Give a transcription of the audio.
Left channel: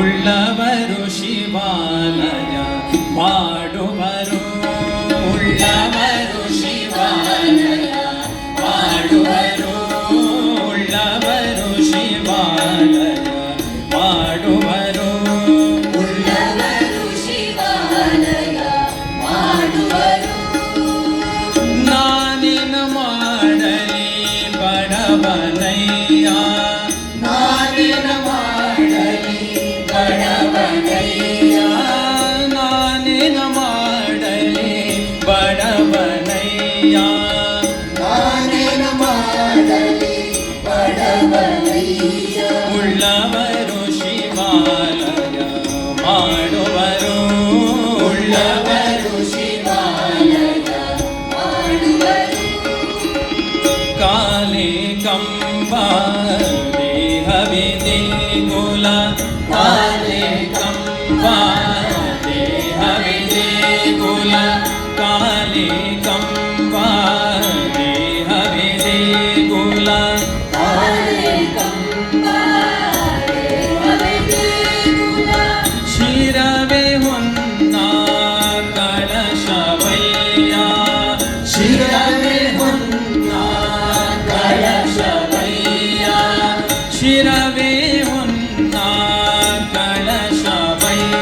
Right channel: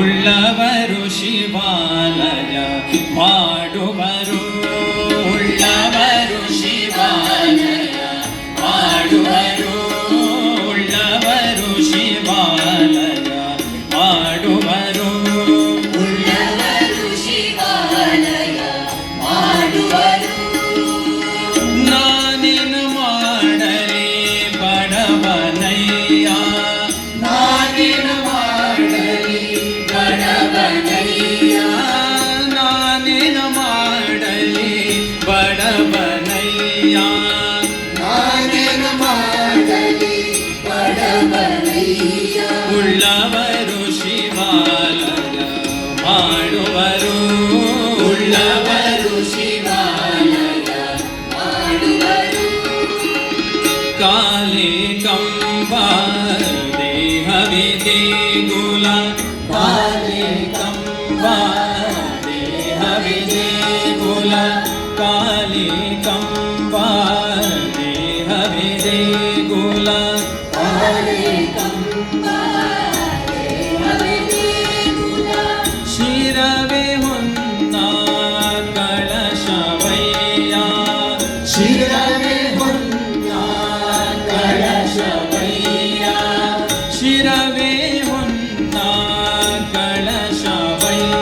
ಉಳ್ಳವರು ಶಿವಾಲಯ ಮಾಡುವರು, ಉಳ್ಳವರು ಶಿವಾಲಯ ಮಾಡುವರು, ಉಳ್ಳವರು ಶಿವಾಲಯ ಮಾಡುವರು, ಉಳ್ಳವರು ಶಿವಾಲಯ ಮಾಡುವರು. ನಾನೇನು ಮಾಡಲಿ ಬಡವನಯ್ಯ, ನಾನೇನು ಮಾಡಲಿ ಬಡವನಯ್ಯ, ನಾನೇನು ಮಾಡಲಿ ಬಡವನಯ್ಯ, ನಾನೇನು ಮಾಡಲಿ ಬಡವನಯ್ಯ. ಉಳ್ಳವರು ಶಿವಾಲಯ ಮಾಡುವರು, ಉಳ್ಳವರು ಶಿವಾಲಯ ಮಾಡುವರು. ಕಾಲಿ ಕಂಬ ದೇಹವಿದೆ ಗುಲ, ಕಾಲಿ ಕಂಬ ದೇಹವಿದೆ ಗುಲ, ಕಾಲಿ ಕಂಬ ದೇಹವಿದೆ ಗುಲ, ಕಾಲಿ ಕಂಬ ದೇಹವಿದೆ ಗುಲ, ಶಿರವೇ ಹೊನ್ನ ಕಳಶವಯ್ಯ, ಶಿರವೇ ಹೊನ್ನ ಕಳಶವಯ್ಯ, ಶಿರವೇ ಹೊನ್ನ ಕಳಶವಯ್ಯ,